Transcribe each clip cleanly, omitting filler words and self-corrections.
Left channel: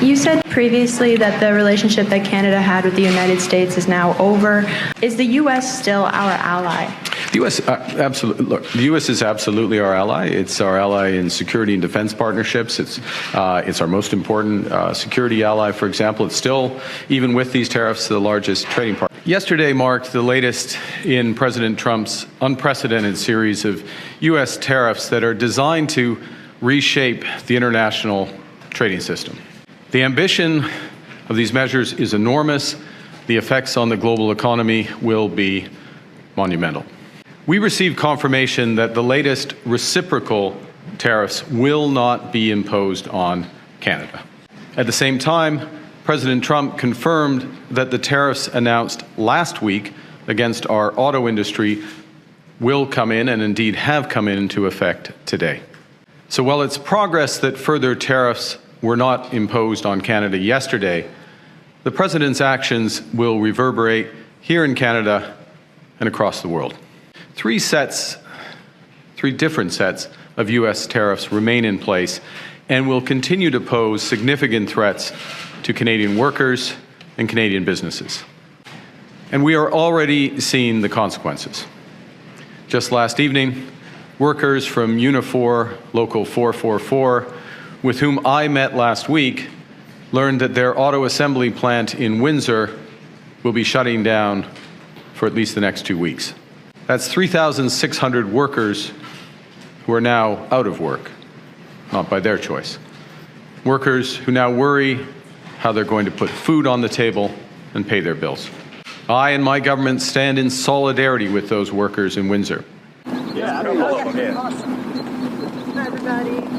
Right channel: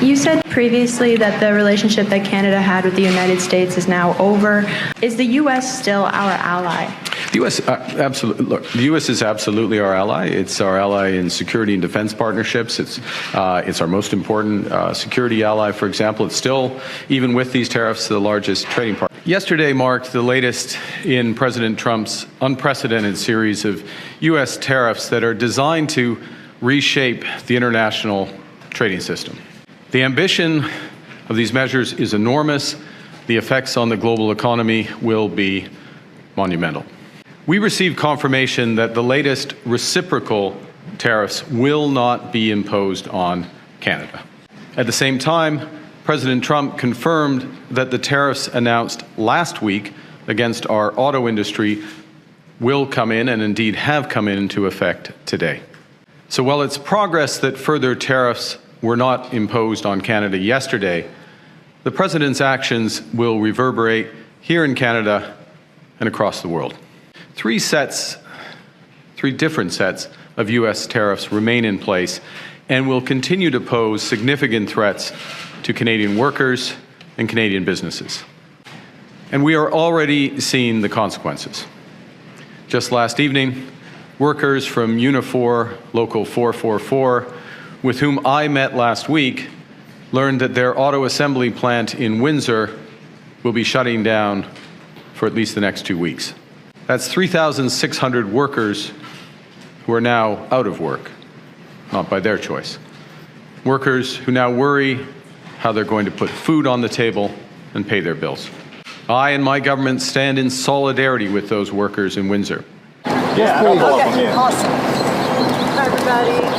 You said previously that the relationship that Canada had with the United States is now over. Is the U.S. still our ally? The U.S. Absolutely. Look, the U.S. is absolutely our ally. It's our ally in security and defense partnerships. It's our most important security ally. For example, it's still, even with these tariffs, the largest trading partner. Yesterday marked the latest in President Trump's unprecedented series of U.S. tariffs that are designed to reshape the international trading system. The ambition of these measures is enormous. The effects on the global economy will be monumental. We received confirmation that the latest reciprocal tariffs will not be imposed on Canada. At the same time, President Trump confirmed that the tariffs announced last week against our auto industry will come in, and indeed have come into effect today. So while it's progress that further tariffs were not imposed on Canada yesterday, the President's actions will reverberate here in Canada and across the world. Three different sets of U.S. tariffs remain in place and will continue to pose significant threats to Canadian workers and Canadian businesses. And we are already seeing the consequences. Just last evening, workers from Unifor Local 444, with whom I met last week, learned that their auto assembly plant in Windsor will be shutting down for at least the next 2 weeks. That's 3,600 workers who are now out of work, not by their choice. Workers who now worry how they're going to put food on the table and pay their bills. I and my government stand in solidarity with those workers in Windsor. Yes, please. Okay, awesome. Hi, everybody.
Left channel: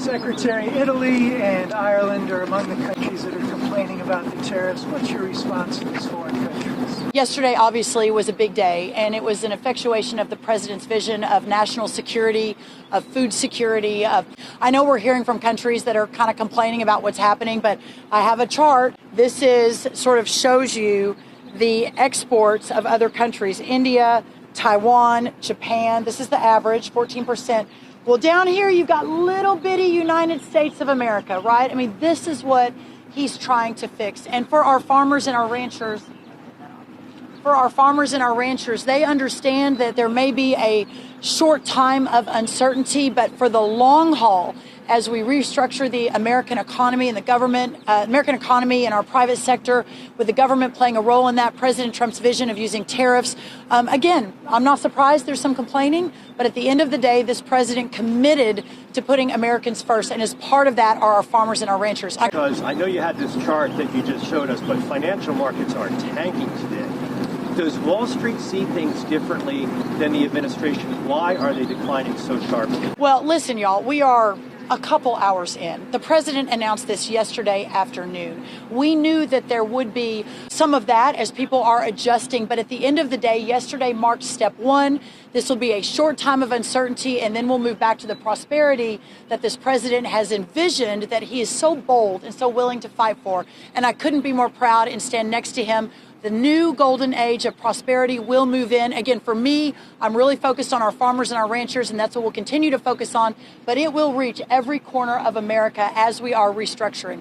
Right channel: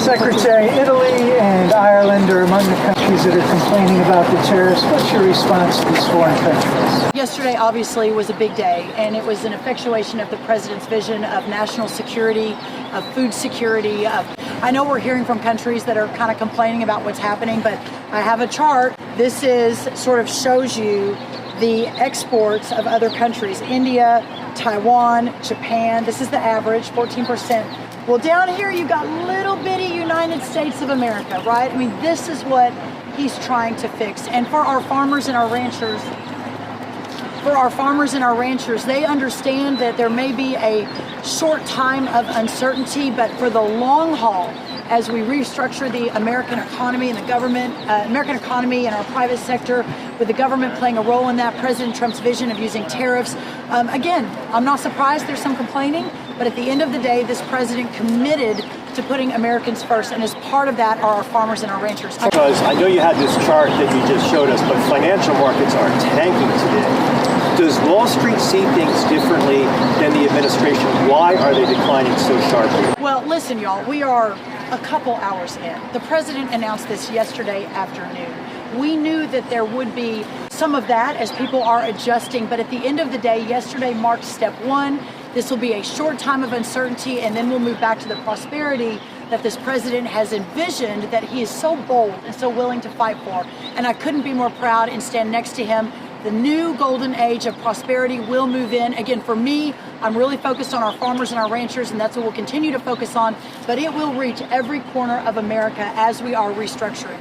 Secretary, Italy and Ireland are among the countries that are complaining about the tariffs. What's your response to these foreign countries? Yesterday, obviously, was a big day, and it was an effectuation of the President's vision of national security, of food security. I know we're hearing from countries that are kind of complaining about what's happening, but I have a chart. This is sort of shows you the exports of other countries: India, Taiwan, Japan. This is the average, 14%. Well, down here you've got little bitty United States of America, right? I mean, this is what he's trying to fix. And for our farmers and our ranchers, they understand that there may be a short time of uncertainty, but for the long haul, as we restructure the American economy and the government, American economy and our private sector, with the government playing a role in that, President Trump's vision of using tariffs. Again, I'm not surprised there's some complaining, but at the end of the day, this president committed to putting Americans first, and as part of that are our farmers and our ranchers. Because I know you had this chart that you just showed us, but financial markets are tanking today. Does Wall Street see things differently than the administration? Why are they declining so sharply? Well, listen, y'all, we are a couple hours in. The president announced this yesterday afternoon. We knew that there would be some of that as people are adjusting, but at the end of the day, yesterday marked step one. This will be a short time of uncertainty, and then we'll move back to the prosperity that this president has envisioned, that he is so bold and so willing to fight for. And I couldn't be more proud and stand next to him. The new golden age of prosperity will move in. Again, for me, I'm really focused on our farmers and our ranchers, and that's what we'll continue to focus on. But it will reach every corner of America as we are restructuring.